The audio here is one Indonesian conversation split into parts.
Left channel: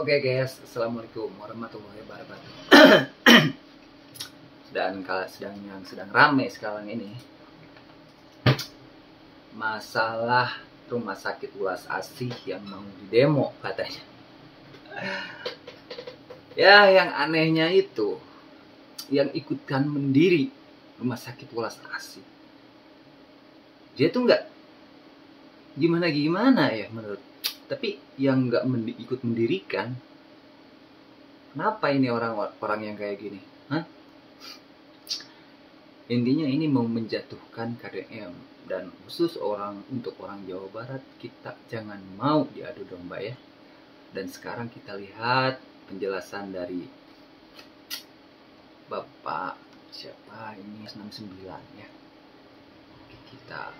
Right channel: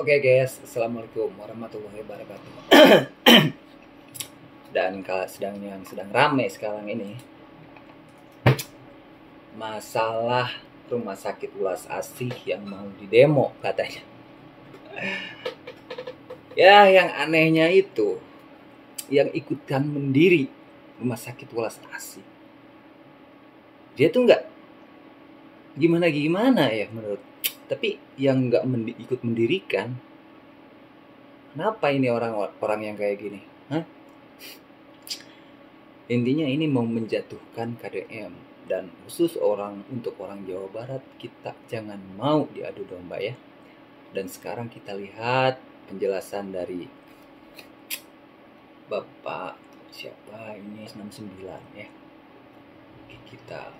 Oke guys, assalamualaikum warahmatullahi wabarakatuh. Dan kalau sedang rame sekarang ini masalah rumah sakit Ulas Asih yang mau didemo katanya. Ya, yang anehnya itu yang ikutkan mendiri rumah sakit Ulas Asih, dia tuh nggak gimana ya menurut, tapi yang nggak ikut mendirikan, kenapa ini orang-orang yang kayak gini? Hah? Intinya ini mau menjatuhkan KDM, dan khusus untuk orang Jawa Barat, kita jangan mau diadu domba ya. Dan sekarang kita lihat penjelasan dari Bapak siapa ini 69 ya. Oke, kita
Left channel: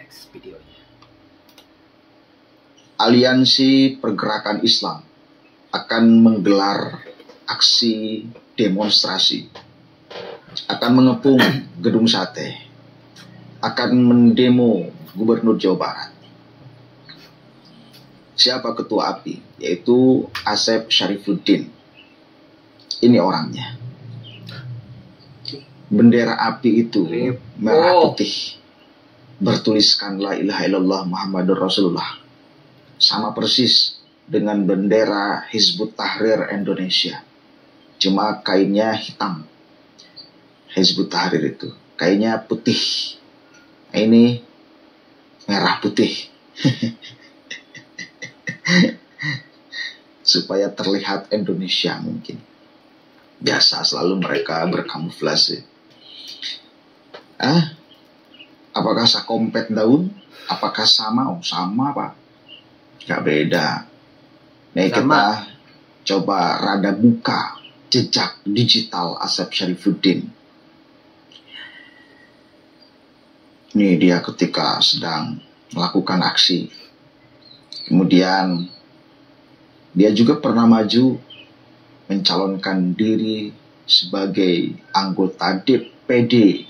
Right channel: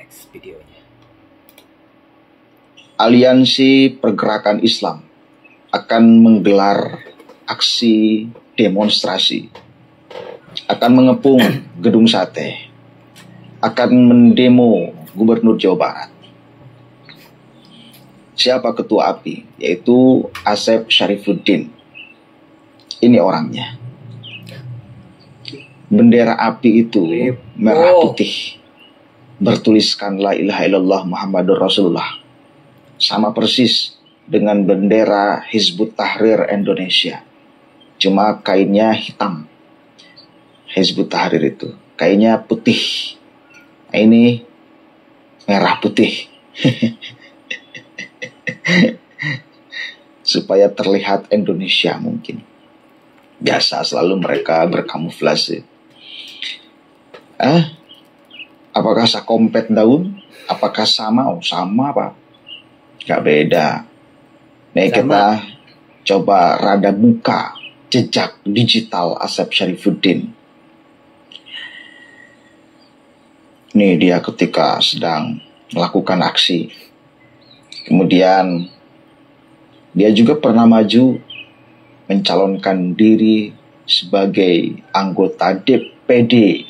next videonya. Aliansi Pergerakan Islam akan menggelar aksi demonstrasi, akan mengepung Gedung Sate, akan mendemo Gubernur Jawa Barat. Siapa ketua API? Yaitu Asep Syarifuddin. Ini orangnya. Bendera API itu merah putih, bertuliskan La ilaha illallah Muhammadur Rasulullah. Sama persis dengan bendera Hizbut Tahrir Indonesia. Cuma kainnya hitam. Hizbut Tahrir itu kainnya putih. Ini merah putih. Supaya terlihat Indonesia mungkin. Biasa selalu mereka berkamuflase. Apakah sakompet daun? Apakah sama? Oh, sama Pak. Gak beda. Nih kita coba rada buka jejak digital Asep Syarifuddin. Nih dia ketika sedang melakukan aksi. Kemudian dia juga pernah maju mencalonkan diri sebagai anggota DPD.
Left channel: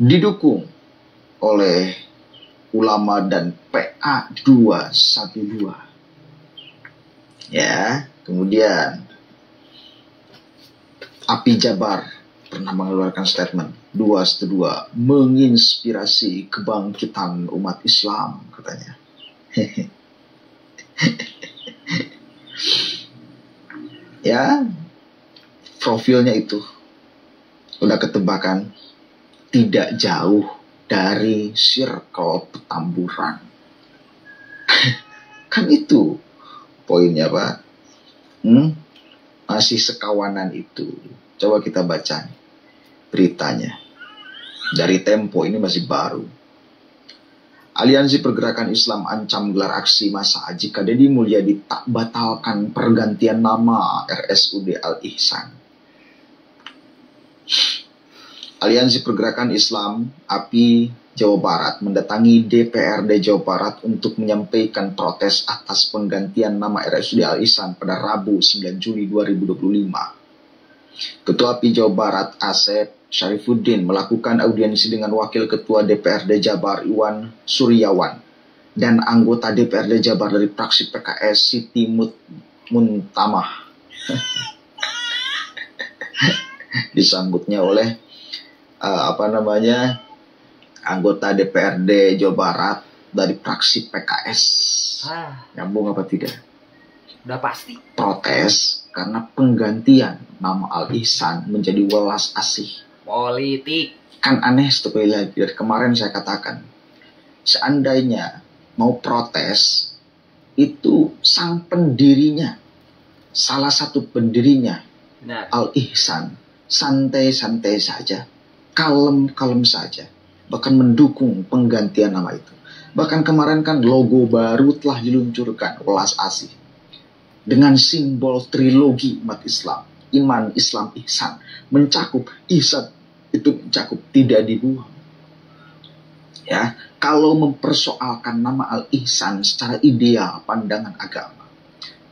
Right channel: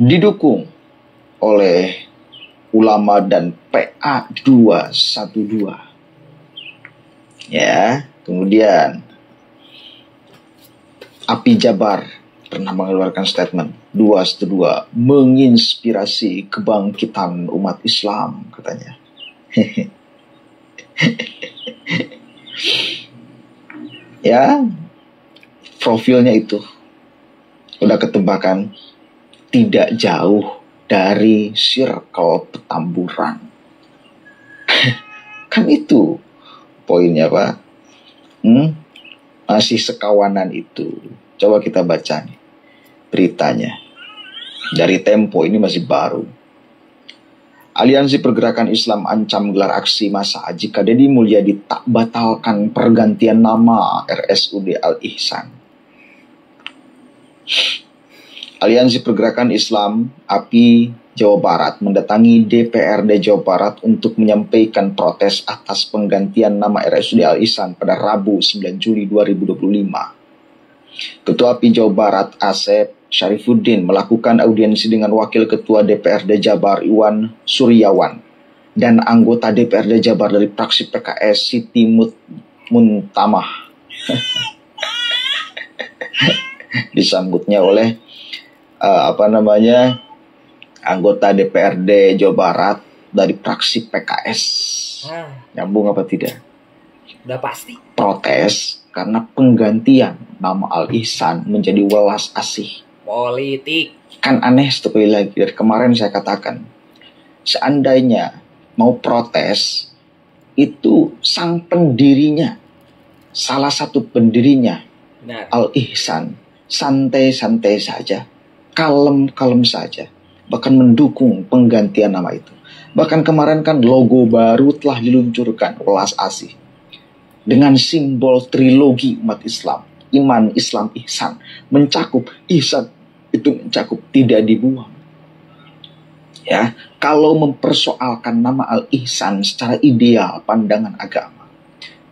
Didukung oleh ulama dan PA 212. Ya, kemudian API Jabar pernah mengeluarkan statement 212 menginspirasi kebangkitan umat Islam katanya. Ya, profilnya itu udah ketebakan, tidak jauh dari circle Petamburan. Kan itu poinnya Pak. Masih sekawanan itu. Coba kita baca nih beritanya. Dari Tempo, ini masih baru. Aliansi Pergerakan Islam ancam gelar aksi massa jika Deddy Mulyadi tak batalkan pergantian nama RSUD Al-Ihsan. Aliansi Pergerakan Islam API Jawa Barat mendatangi DPRD Jawa Barat untuk menyampaikan protes atas penggantian nama RSUD Al-Ihsan pada Rabu 9 Juli 2025. Ketua API Jawa Barat Asep Syarifuddin melakukan audiensi dengan Wakil Ketua DPRD Jabar Iwan Suryawan dan anggota DPRD Jabar dari fraksi PKS Siti Muntamah. Disambutnya oleh anggota DPRD Jawa Barat dari fraksi PKS. Nyambung apa tidak? Udah pasti. Protes karena penggantian nama Al-Ihsan menjadi Welas Asih. Politik. Kan aneh sekali lagi. Dari kemarin saya katakan, seandainya mau protes, itu sang pendirinya, salah satu pendirinya, Al-Ihsan, santai-santai saja, kalem-kalem saja, bahkan mendukung penggantian nama itu. Bahkan kemarin kan logo baru telah diluncurkan, Welas Asih, dengan simbol trilogi umat Islam, iman, Islam, ihsan, mencakup ihsan itu mencakup, tidak dibuang. Ya, kalau mempersoalkan nama Al-Ihsan secara ideal pandangan agama,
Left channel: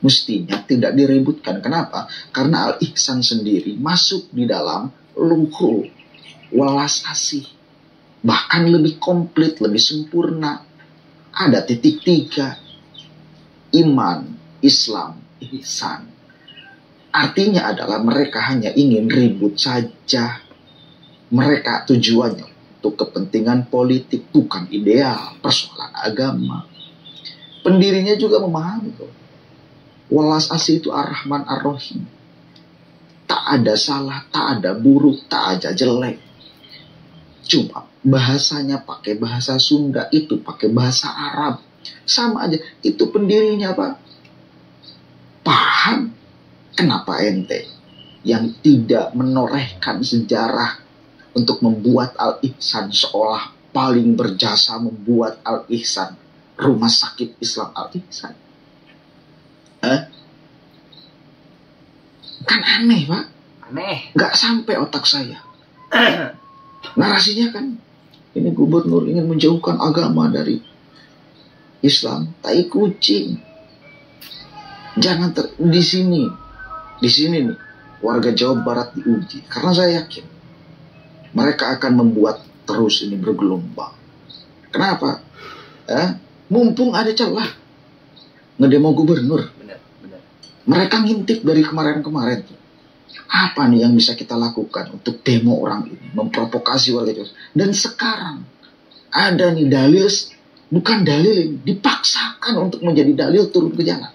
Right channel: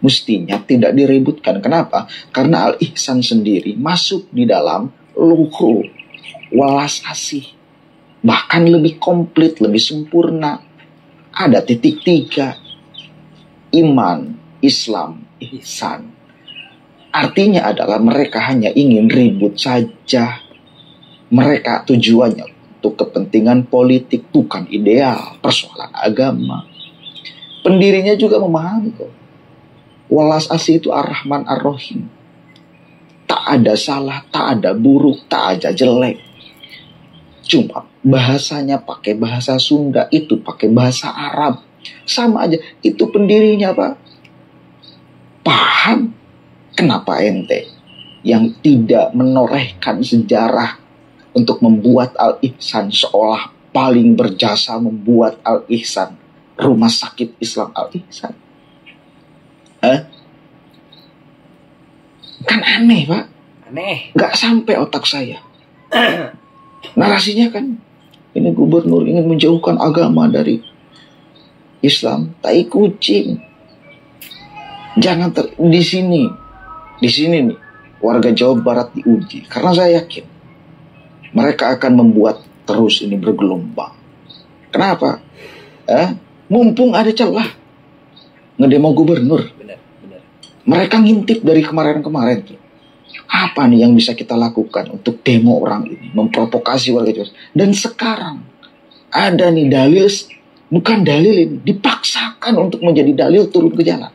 mestinya tidak diributkan. Kenapa? Karena Al-Ihsan sendiri masuk di dalam luhur Welas Asih. bahkan lebih komplit, lebih sempurna. Ada titik 3. Iman, Islam, ihsan. Artinya adalah mereka hanya ingin ribut saja. Mereka tujuannya untuk kepentingan politik, bukan ideal, persoalan agama. Pendirinya juga memahami kok. Walas asih itu Ar-Rahman Ar-Rahim. Tak ada salah, tak ada buruk, tak ada jelek. Cuma bahasanya pakai bahasa Sunda, itu pakai bahasa Arab. Sama aja, itu pendirinya Pak. Paham kenapa ente yang tidak menorehkan sejarah untuk membuat Al-Ihsan seolah paling berjasa membuat Al-Ihsan, rumah sakit Islam Al-Ihsan? Kan aneh Pak. Aneh. Gak sampai otak saya. Narasinya kan, ini gubernur ingin menjauhkan agama dari Islam. Tai kucing. Jangan di sini nih warga Jawa Barat diuji, karena saya yakin mereka akan membuat terus ini bergelombang. Kenapa? Mumpung ada celah ngedemo gubernur. Benar. Mereka ngintip dari kemarin-kemarin tuh. Apa nih yang bisa kita lakukan untuk demo orang ini, memprovokasi warga Jawa Barat? Dan sekarang ada nih dalil, bukan dalil ini, dipaksakan untuk menjadi dalil turun ke jalan.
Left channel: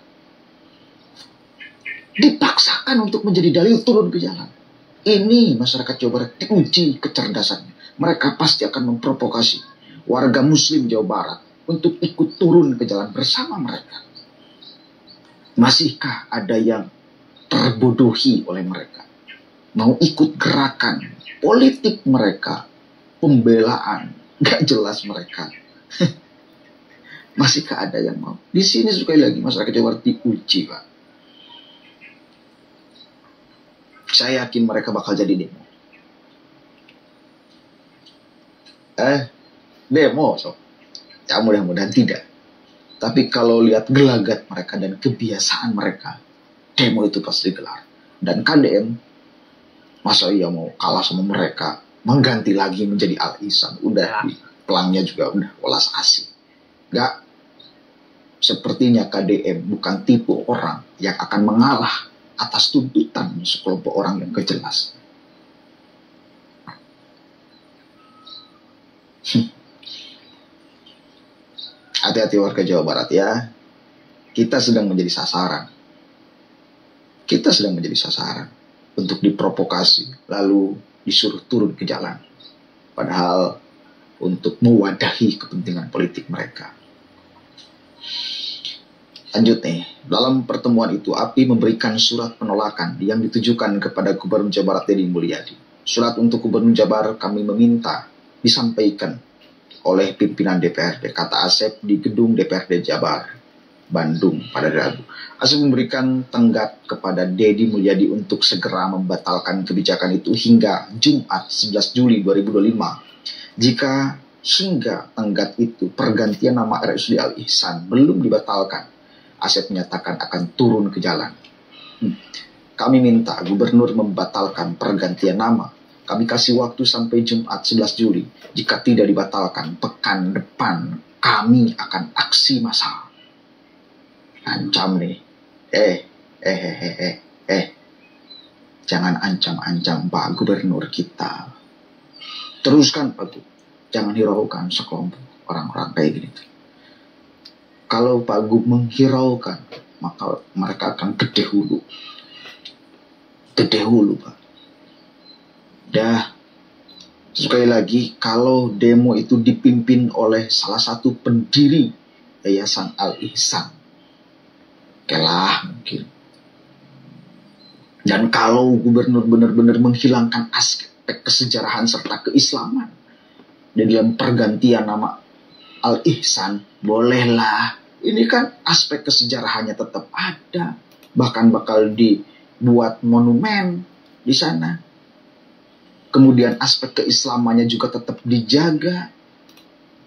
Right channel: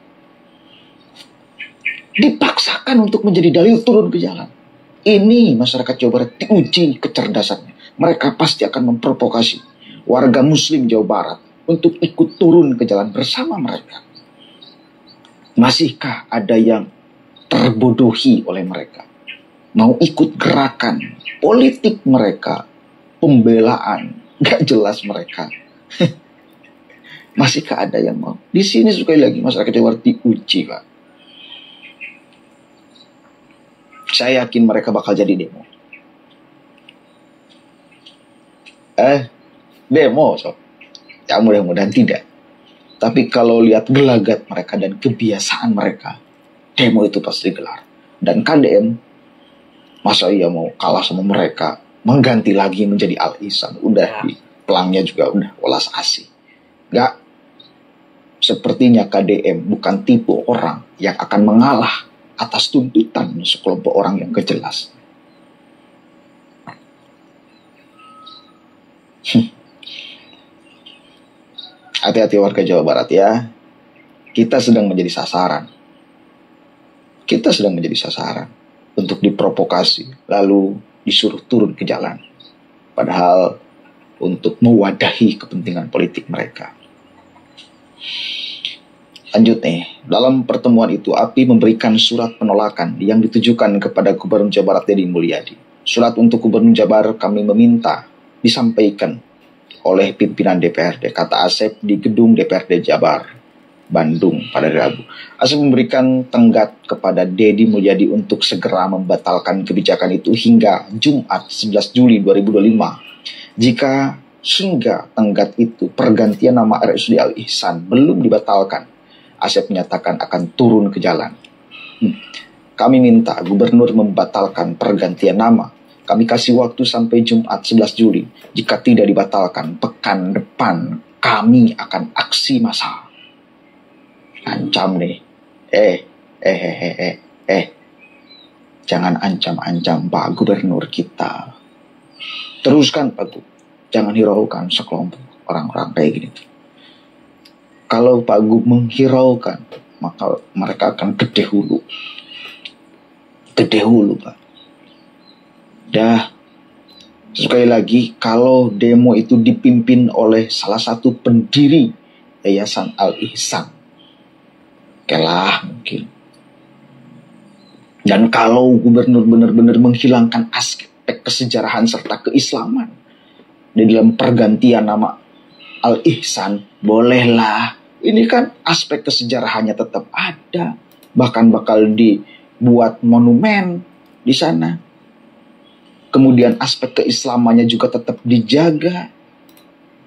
Dipaksakan untuk menjadi dalil turun ke jalan. Ini masyarakat Jawa Barat diuji kecerdasannya. Mereka pasti akan memprovokasi warga muslim Jawa Barat untuk ikut turun ke jalan bersama mereka. Masihkah ada yang terbodohi oleh mereka? Mau ikut gerakan politik mereka, pembelaan, gak jelas mereka. Masihkah ada yang mau? Di sini sekali lagi masyarakat Jawa Barat diuji Pak. Saya yakin mereka bakal jadi demo. Demo sob. Ya mudah-mudahan tidak. Tapi kalau lihat gelagat mereka dan kebiasaan mereka, demo itu pasti digelar. Dan KDM, masa iya mau kalah sama mereka, mengganti lagi menjadi Al-Ihsan. Udah di pelangnya juga udah welas asih. Gak. Sepertinya KDM bukan tipe orang yang akan mengalah atas tuntutan sekelompok orang yang kejelas. Hati-hati warga Jawa Barat ya. Kita sedang menjadi sasaran. Kita sedang menjadi sasaran untuk diprovokasi, lalu disuruh turun ke jalan. Padahal untuk mewadahi kepentingan politik mereka. Lanjut nih, dalam pertemuan itu API memberikan surat penolakan yang ditujukan kepada Gubernur Jawa Barat Deddy Mulyadi. Surat untuk Gubernur Jabar kami meminta disampaikan oleh pimpinan DPRD, kata Asep di gedung DPRD Jabar, Bandung pada Rabu. Asep memberikan tenggat kepada Deddy Mulyadi untuk segera membatalkan kebijakan itu hingga Jumat 11 Juli 2025. Jika hingga tenggat itu pergantian nama RSUD Al-Ihsan belum dibatalkan, Asep menyatakan akan turun ke jalan. Kami minta gubernur membatalkan pergantian nama. Kami kasih waktu sampai Jumat 11 Juli. Jika tidak dibatalkan, pekan depan kami akan aksi massal. Ancam nih. Jangan ancam-ancam Pak Gubernur kita. Teruskan Pak Gub. Jangan hiraukan sekelompok orang-orang kayak gini. Kalau Pak Gub menghiraukan, maka mereka akan gede hulu. Gede hulu Pak. Dah, sekali lagi, kalau demo itu dipimpin oleh salah satu pendiri Yayasan Al-Ihsan, kelah mungkin. Dan kalau gubernur benar-benar menghilangkan aspek kesejarahan serta keislaman di dalam pergantian nama Al-Ihsan, bolehlah. Ini kan aspek kesejarahannya tetap ada. Bahkan bakal dibuat monumen di sana. Kemudian aspek keislamannya juga tetap dijaga.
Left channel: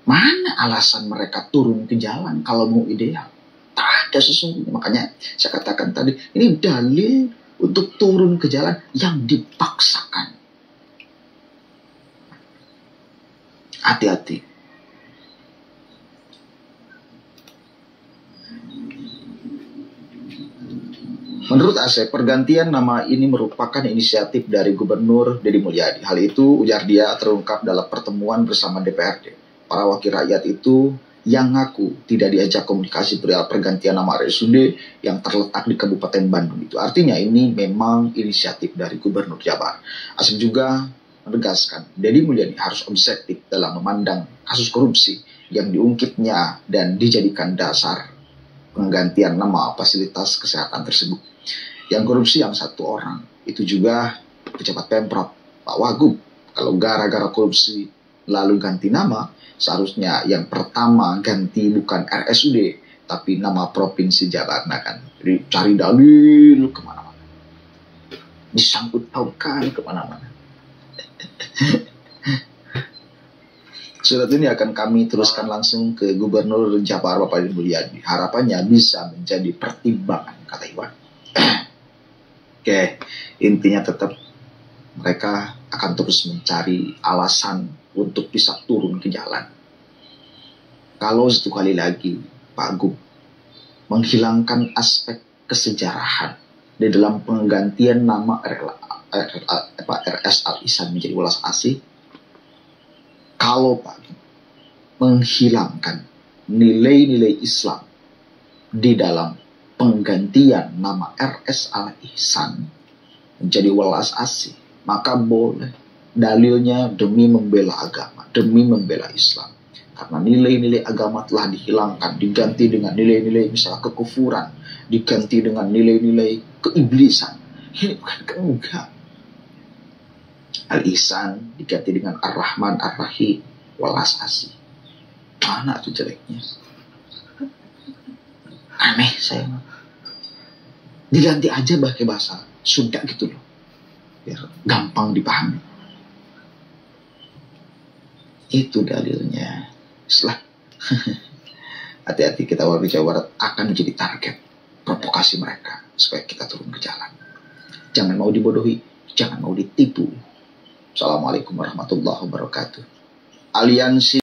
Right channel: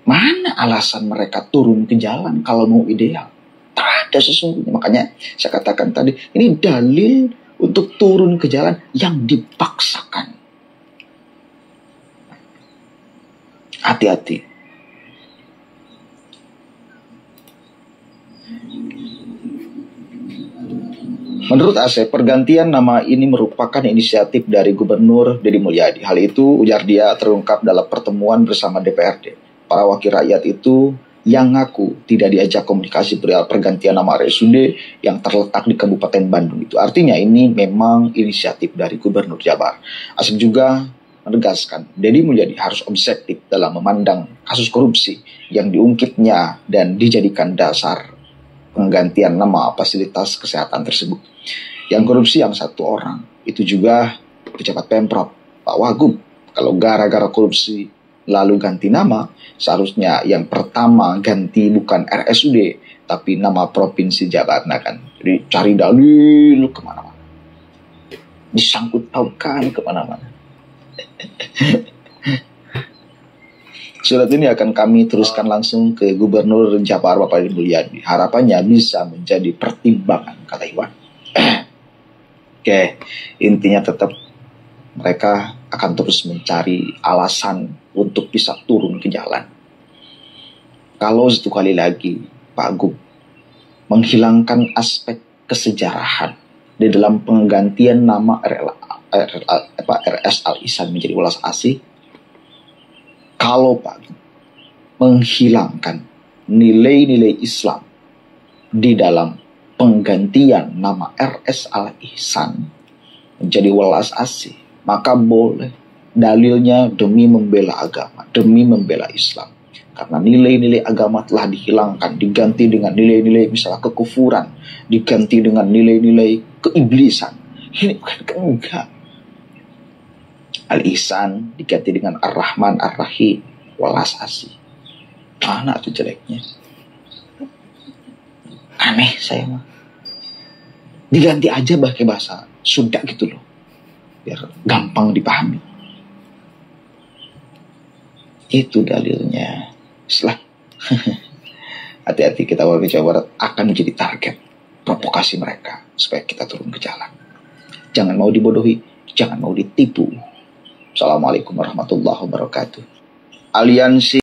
Mana alasan mereka turun ke jalan kalau mau ideal? Tak ada sesungguhnya. Makanya saya katakan tadi, ini dalil untuk turun ke jalan yang dipaksakan. Hati-hati. Menurut Asep, pergantian nama ini merupakan inisiatif dari Gubernur Deddy Mulyadi. Hal itu, ujar dia, terungkap dalam pertemuan bersama DPRD. Para wakil rakyat itu yang ngaku tidak diajak komunikasi perihal pergantian nama RSUD yang terletak di Kabupaten Bandung itu. Artinya ini memang inisiatif dari Gubernur Jabar. Asep juga menegaskan, Deddy Mulyadi harus objektif dalam memandang kasus korupsi yang diungkitnya dan dijadikan dasar penggantian nama fasilitas kesehatan tersebut. Yang korupsi yang satu orang, itu juga pejabat Pemprov, Pak Wagub. Kalau gara-gara korupsi lalu ganti nama, seharusnya yang pertama ganti bukan RSUD, tapi nama Provinsi Jabar. Nah kan, jadi cari dalil kemana-mana. Disangkut pautkan kemana-mana. Surat ini akan kami teruskan langsung ke Gubernur Jabar Bapak Deddy Mulyadi. Harapannya bisa menjadi pertimbangan, kata Iwan. Oke, intinya tetap mereka akan terus mencari alasan untuk bisa turun ke jalan. Kalau satu kali lagi Pak Gub menghilangkan aspek kesejarahan di dalam penggantian nama RS Al Ihsan menjadi Welas Asih, kalau Pak Gub menghilangkan nilai-nilai Islam di dalam penggantian nama RS Al Ihsan menjadi Welas Asih, maka boleh. Dalilnya demi membela agama, demi membela Islam. Karena nilai-nilai agama telah dihilangkan, diganti dengan nilai-nilai misalnya kekufuran, diganti dengan nilai-nilai keiblisan. Ini bukan enggak. Al Ihsan diganti dengan Ar-Rahman Ar-Rahim, Welas Asih. Mana tuh jeleknya? Aneh saya mah. Diganti aja pakai bahasa Sunda gitu loh, biar gampang dipahami. Itu dalilnya. Setelah hati-hati, kita warga Jawa Barat akan menjadi target provokasi mereka supaya kita turun ke jalan. Jangan mau dibodohi, jangan mau ditipu. Assalamualaikum warahmatullahi wabarakatuh. Aliansi